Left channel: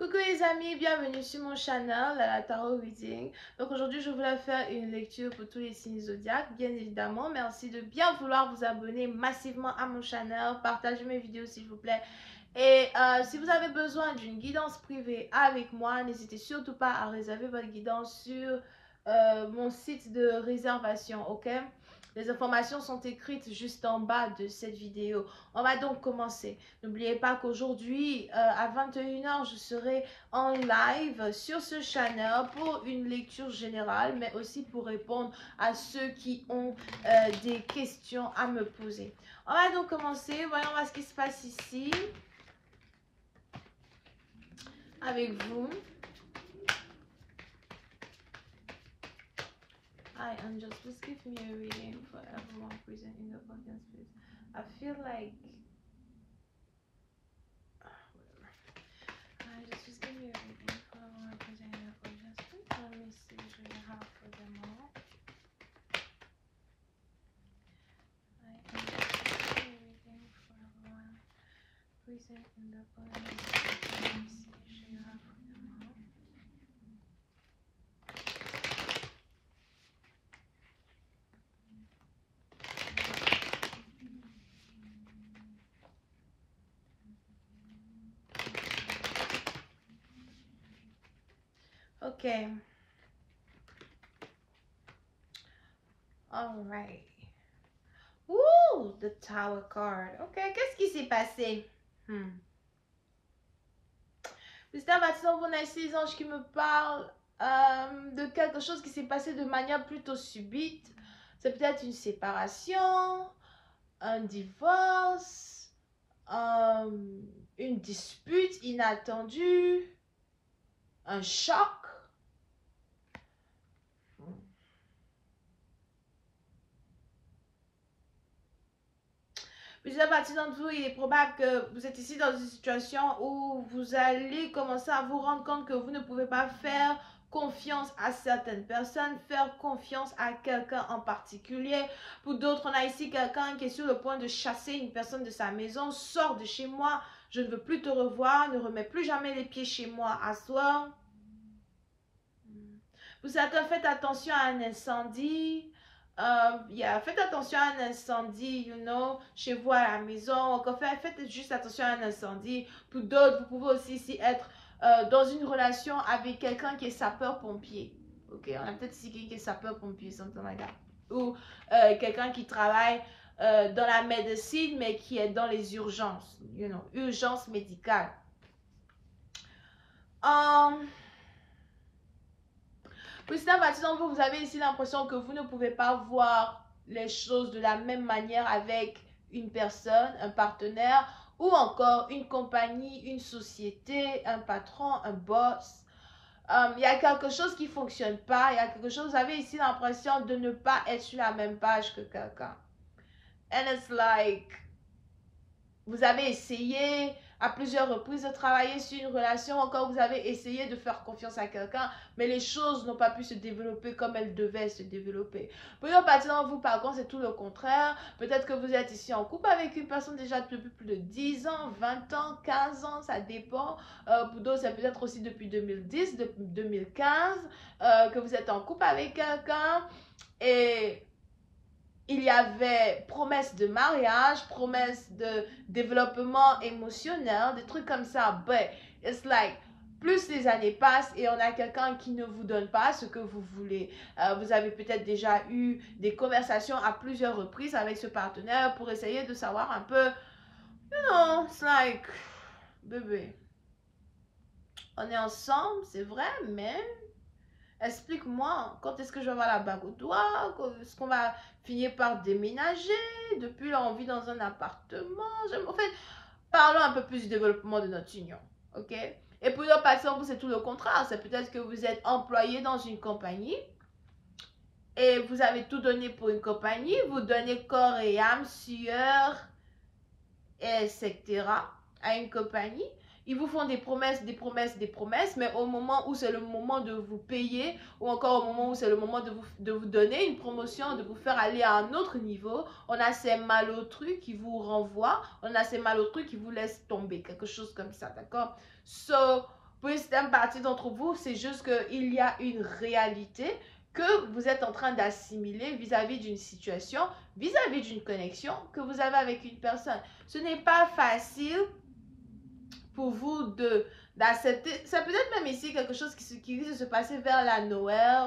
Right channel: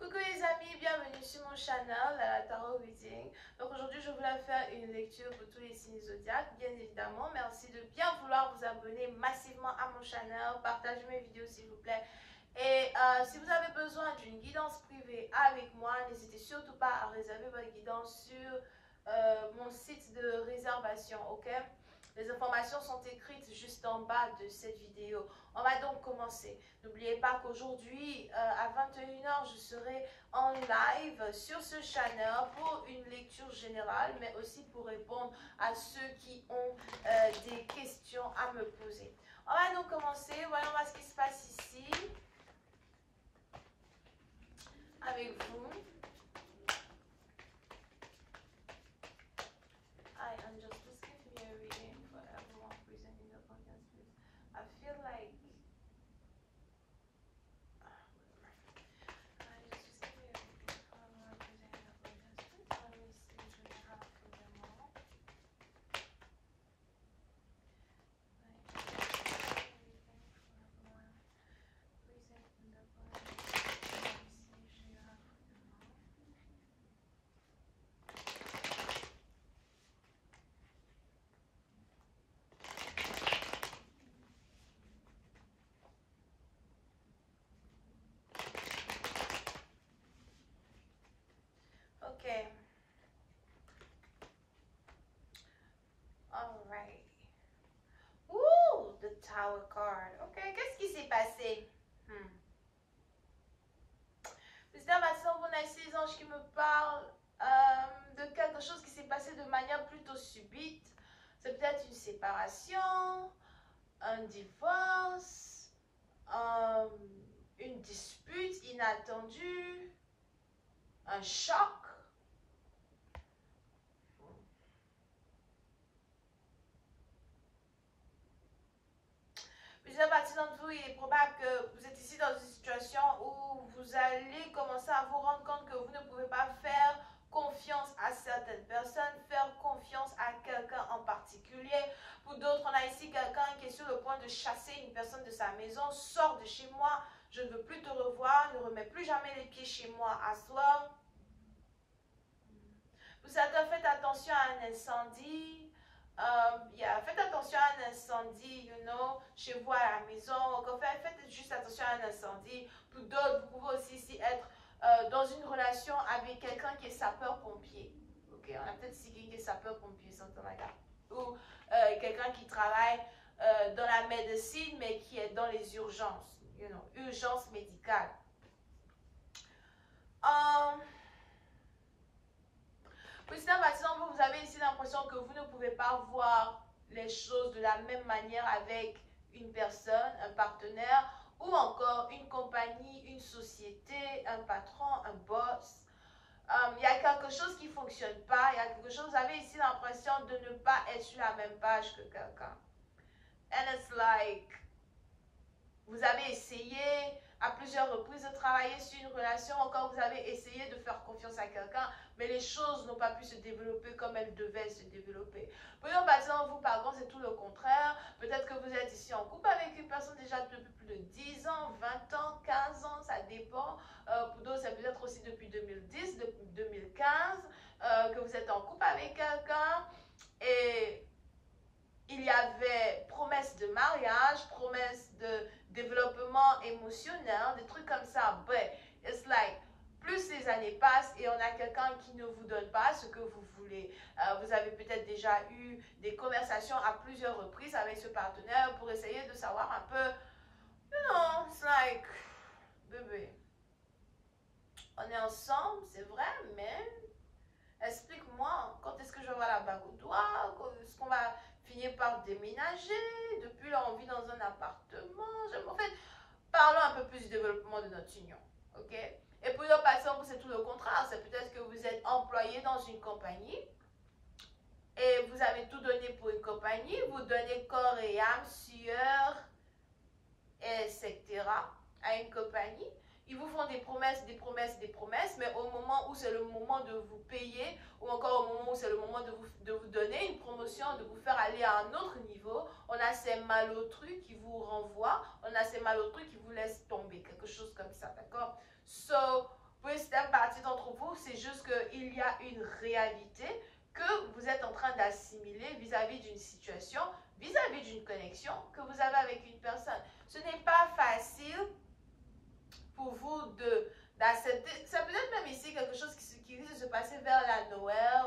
Coucou les amis, bienvenue sur mon channel, la Tarot Reading. Donc aujourd'hui, je voulais faire une lecture pour tous les signes zodiaques, bien évidemment. Merci de bien vouloir vous abonner massivement à mon channel, partagez mes vidéos s'il vous plaît. Et si vous avez besoin d'une guidance privée avec moi, n'hésitez surtout pas à réserver votre guidance sur mon site de réservation, ok? Les informations sont écrites juste en bas de cette vidéo. On va donc commencer. N'oubliez pas qu'aujourd'hui, à 21h, je serai en live sur ce channel pour une lecture générale, mais aussi pour répondre à ceux qui ont des questions à me poser. On va donc commencer. Voyons voir ce qui se passe ici avec vous. Hi, Angels, please give me a reading for everyone present in the audience, please. I feel like... whatever. Hi, just give me a reading for everyone present in the audience, please. Let me see what you have for them all. Hi, Angels, please give me a reading for everyone present in the audience, please. Let me see what you have for them all. Okay. All right. Ooh, the Tower card. Okay, qu'est-ce qui s'est passé? Mystère baptisant, vous avez ces anges qui me parlent de quelque chose qui s'est passé de manière plutôt subite. C'est peut-être une séparation, un divorce, une dispute inattendue, un choc. Plusieurs parties d'entre vous, il est probable que vous êtes ici dans une situation où vous allez commencer à vous rendre compte que vous ne pouvez pas faire confiance à certaines personnes, faire confiance à quelqu'un en particulier. Pour d'autres, on a ici quelqu'un qui est sur le point de chasser une personne de sa maison. Sors de chez moi, je ne veux plus te revoir, ne remets plus jamais les pieds chez moi à soir. Pour certains, faites attention à un incendie. Faites attention à un incendie, chez vous à la maison. Encore faites juste attention à un incendie. Pour d'autres, vous pouvez aussi ici être dans une relation avec quelqu'un qui est sapeur-pompier. Ok, on a peut-être ici quelqu'un qui est sapeur-pompier, something like that. Ou quelqu'un qui travaille dans la médecine, mais qui est dans les urgences, urgences médicales. Par exemple, vous avez ici l'impression que vous ne pouvez pas voir les choses de la même manière avec une personne, un partenaire, ou encore une compagnie, une société, un patron, un boss. Il y a quelque chose qui ne fonctionne pas, il y a quelque chose, vous avez ici l'impression de ne pas être sur la même page que quelqu'un. And it's like, vous avez essayé à plusieurs reprises de travailler sur une relation, encore vous avez essayé de faire confiance à quelqu'un, mais les choses n'ont pas pu se développer comme elles devaient se développer. Pour une partie d'entre vous, par contre, c'est tout le contraire. Peut-être que vous êtes ici en couple avec une personne déjà depuis plus de 10 ans, 20 ans, 15 ans, ça dépend. Pour d'autres, c'est peut-être aussi depuis 2010, depuis 2015, que vous êtes en couple avec quelqu'un et il y avait promesse de mariage, promesse de développement émotionnel, des trucs comme ça. But it's like, plus les années passent et on a quelqu'un qui ne vous donne pas ce que vous voulez. Vous avez peut-être déjà eu des conversations à plusieurs reprises avec ce partenaire pour essayer de savoir un peu, it's like, bébé, on est ensemble, c'est vrai, mais... explique-moi, quand est-ce que je vais avoir la bague au doigt? Est-ce qu'on va finir par déménager? Depuis là, on vit dans un appartement. En fait, parlons un peu plus du développement de notre union. Ok? Et pour une partie, c'est tout le contraire. C'est peut-être que vous êtes employé dans une compagnie et vous avez tout donné pour une compagnie. Vous donnez corps et âme, sueur, etc. à une compagnie. Ils vous font des promesses, des promesses, des promesses, mais au moment où c'est le moment de vous payer, ou encore au moment où c'est le moment de vous donner une promotion, de vous faire aller à un autre niveau, on a ces malotrus qui vous renvoient, on a ces malotrus qui vous laissent tomber, quelque chose comme ça, d'accord? So, pour certaine partie d'entre vous, c'est juste qu'il y a une réalité que vous êtes en train d'assimiler vis-à-vis d'une situation, vis-à-vis d'une connexion que vous avez avec une personne. Ce n'est pas facile pour vous d'accepter. C'est peut-être même ici quelque chose qui risque de se passer vers la Noël.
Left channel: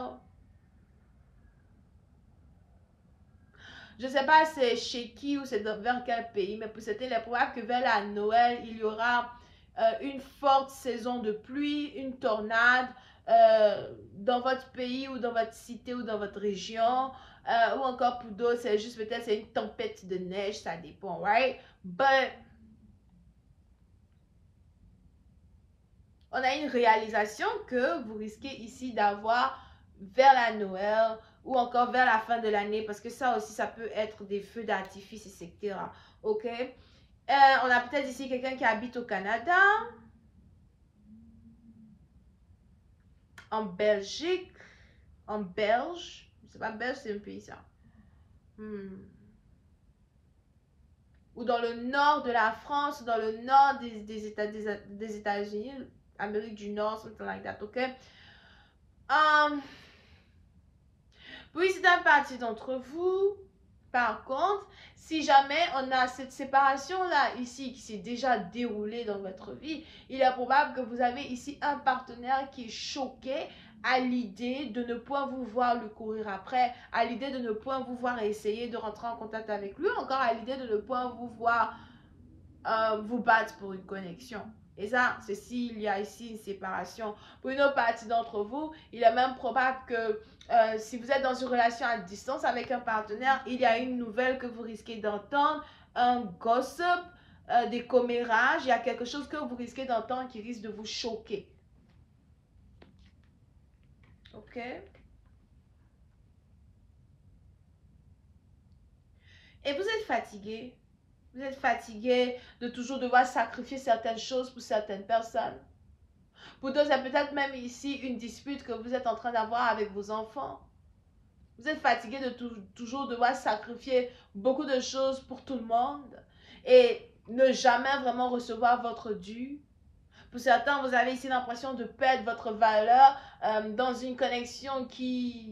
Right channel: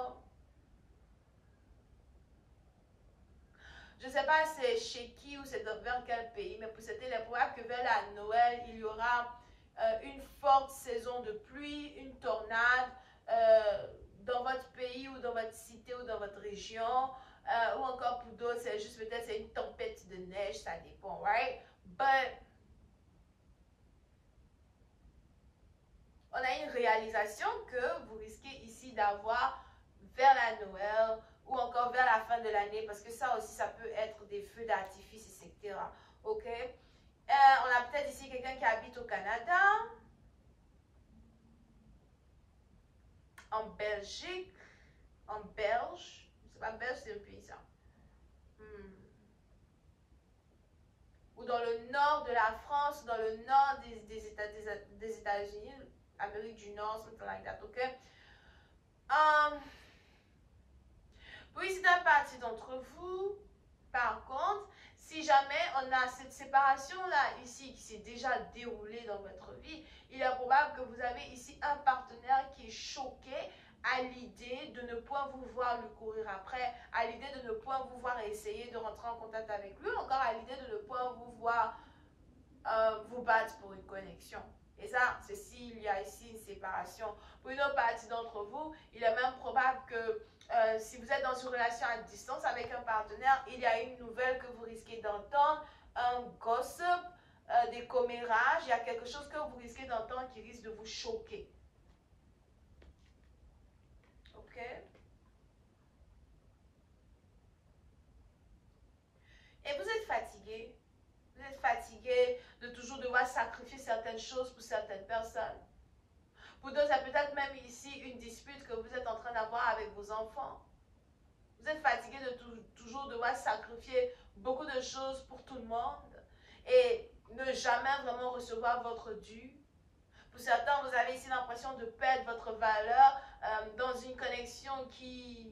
Je ne sais pas c'est chez qui ou c'est vers quel pays, mais pour certains, il est probable que vers la Noël, il y aura une forte saison de pluie, une tornade dans votre pays ou dans votre cité ou dans votre région. Ou encore pour d'autres, c'est juste peut-être c'est une tempête de neige, ça dépend, right? But on a une réalisation que vous risquez ici d'avoir vers la Noël ou encore vers la fin de l'année, parce que ça aussi, ça peut être des feux d'artifice, etc. Ok? On a peut-être ici quelqu'un qui habite au Canada, en Belgique, en Belge. C'est pas Belge, c'est un pays ça. Ou dans le nord de la France, ou dans le nord des États-Unis, Amérique du Nord, something like that, ok? Puis c'est une partie d'entre vous, par contre, si jamais on a cette séparation-là ici qui s'est déjà déroulée dans votre vie, il est probable que vous avez ici un partenaire qui est choqué à l'idée de ne point vous voir lui courir après, à l'idée de ne point vous voir essayer de rentrer en contact avec lui, encore à l'idée de ne point vous voir vous battre pour une connexion. Et ça, c'est s'il y a ici une séparation. Pour une autre partie d'entre vous, il est même probable que si vous êtes dans une relation à distance avec un partenaire, il y a une nouvelle que vous risquez d'entendre, un gossip, des commérages, il y a quelque chose que vous risquez d'entendre qui risque de vous choquer. Ok? Et vous êtes fatigué. Vous êtes fatigué de toujours devoir sacrifier certaines choses pour certaines personnes. Pour d'autres, c'est peut-être même ici une dispute que vous êtes en train d'avoir avec vos enfants. Vous êtes fatigué de toujours devoir sacrifier beaucoup de choses pour tout le monde et ne jamais vraiment recevoir votre dû. Pour certains, vous avez ici l'impression de perdre votre valeur dans une connexion qui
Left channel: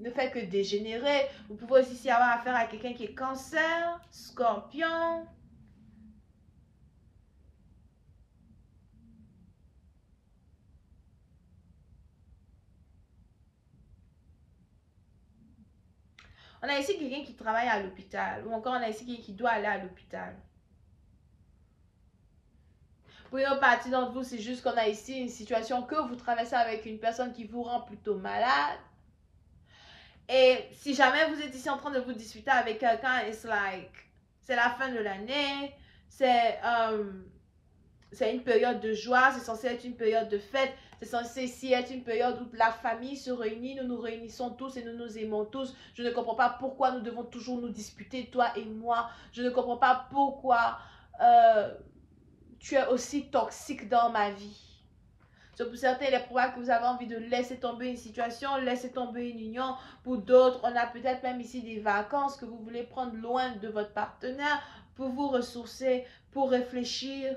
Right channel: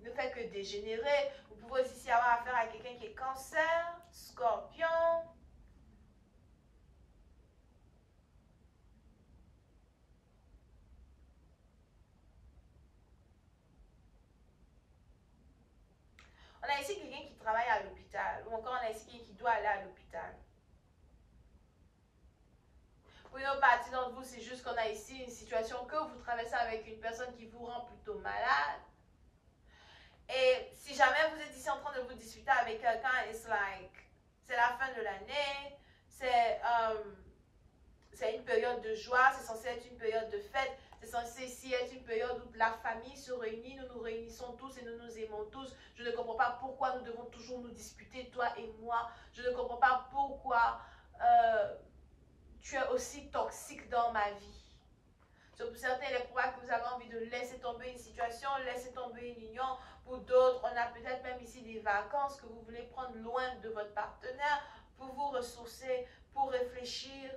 ne fait que dégénérer. Vous pouvez aussi avoir affaire à quelqu'un qui est cancer, scorpion. On a ici quelqu'un qui travaille à l'hôpital ou encore on a ici quelqu'un qui doit aller à l'hôpital. Pour une autre partie d'entre vous, c'est juste qu'on a ici une situation que vous traversez avec une personne qui vous rend plutôt malade. Et si jamais vous êtes ici en train de vous disputer avec quelqu'un, c'est la fin de l'année, c'est une période de joie, c'est censé être une période de fête, c'est censé ici être une période où la famille se réunit, nous nous réunissons tous et nous nous aimons tous. Je ne comprends pas pourquoi nous devons toujours nous disputer, toi et moi. Je ne comprends pas pourquoi tu es aussi toxique dans ma vie. Pour certains, il est probable que vous avez envie de laisser tomber une situation, laisser tomber une union. Pour d'autres, on a peut-être même ici des vacances que vous voulez prendre loin de votre partenaire pour vous ressourcer, pour réfléchir.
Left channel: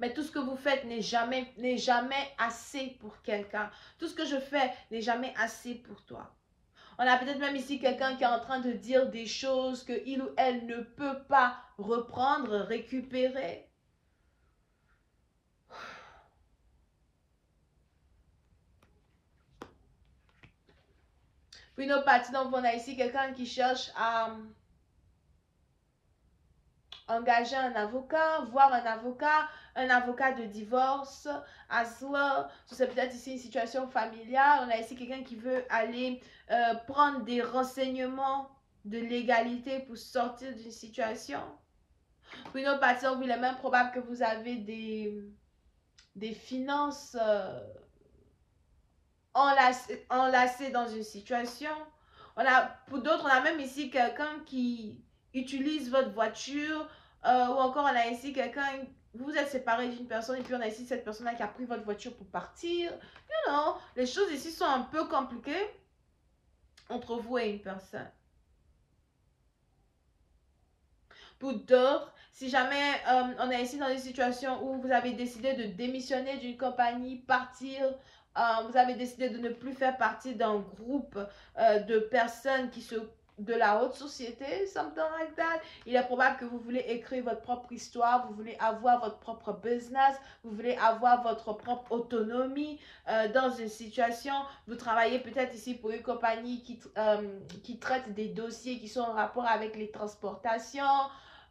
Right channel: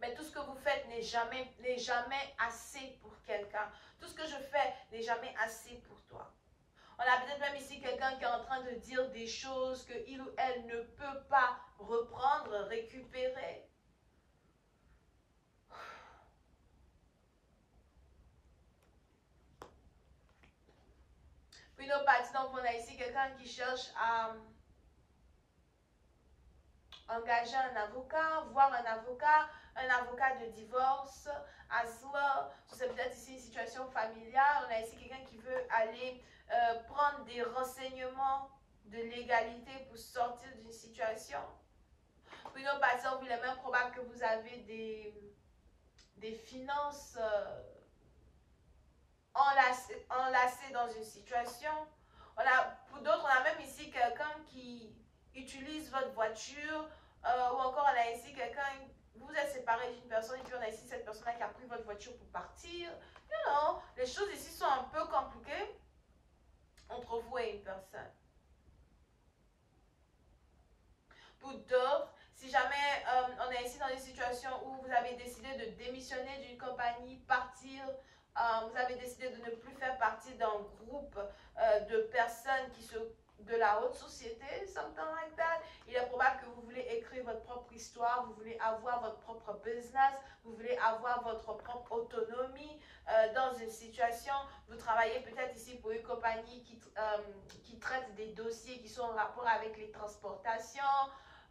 Mais tout ce que vous faites n'est jamais assez pour quelqu'un. Tout ce que je fais n'est jamais assez pour toi. On a peut-être même ici quelqu'un qui est en train de dire des choses qu'il ou elle ne peut pas reprendre, récupérer. Puis une autre partie, donc on a ici quelqu'un qui cherche à engager un avocat, voir un avocat de divorce, as well. C'est peut-être ici une situation familiale. On a ici quelqu'un qui veut aller prendre des renseignements de légalité pour sortir d'une situation. Pour une autre partie, il est même probable que vous avez des finances enlacées dans une situation. Pour d'autres, on a même ici quelqu'un qui utilise votre voiture ou encore on a ici quelqu'un, vous êtes séparé d'une personne et puis on a ici cette personne-là qui a pris votre voiture pour partir. You know, les choses ici sont un peu compliquées entre vous et une personne. Pour d'autres, si jamais on est ici dans une situation où vous avez décidé de démissionner d'une compagnie, partir, vous avez décidé de ne plus faire partie d'un groupe de personnes de la haute société, something like that. Il est probable que vous voulez écrire votre propre histoire, vous voulez avoir votre propre business, vous voulez avoir votre propre autonomie dans une situation. Vous travaillez peut-être ici pour une compagnie qui traite des dossiers qui sont en rapport avec les transportations,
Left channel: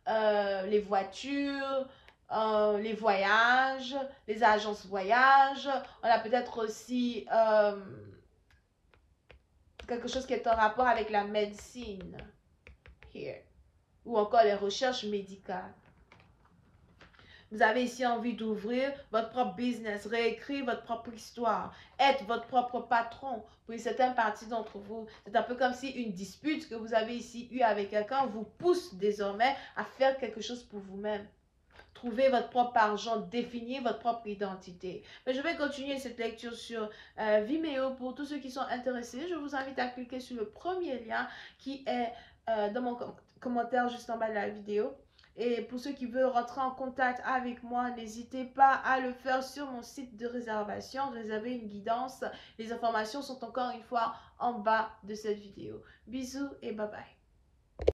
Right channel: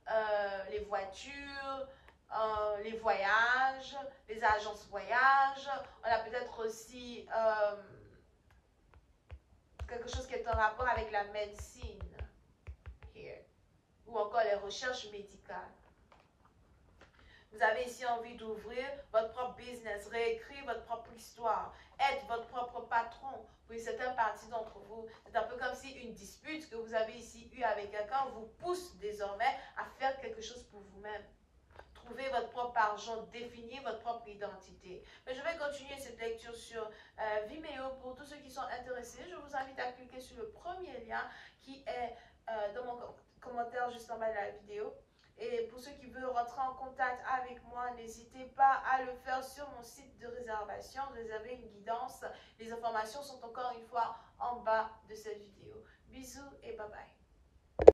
les voitures, les voyages, les agences voyages. On a peut-être aussi quelque chose qui est en rapport avec la médecine, here, ou encore les recherches médicales. Vous avez ici envie d'ouvrir votre propre business, réécrire votre propre histoire, être votre propre patron. Pour une certaine partie d'entre vous, c'est un peu comme si une dispute que vous avez ici eue avec quelqu'un vous pousse désormais à faire quelque chose pour vous-même. Trouvez votre propre argent, définir votre propre identité. Mais je vais continuer cette lecture sur Vimeo pour tous ceux qui sont intéressés. Je vous invite à cliquer sur le premier lien qui est dans mon commentaire juste en bas de la vidéo. Et pour ceux qui veulent rentrer en contact avec moi, n'hésitez pas à le faire sur mon site de réservation, réserver une guidance. Les informations sont encore une fois en bas de cette vidéo. Bisous et bye bye.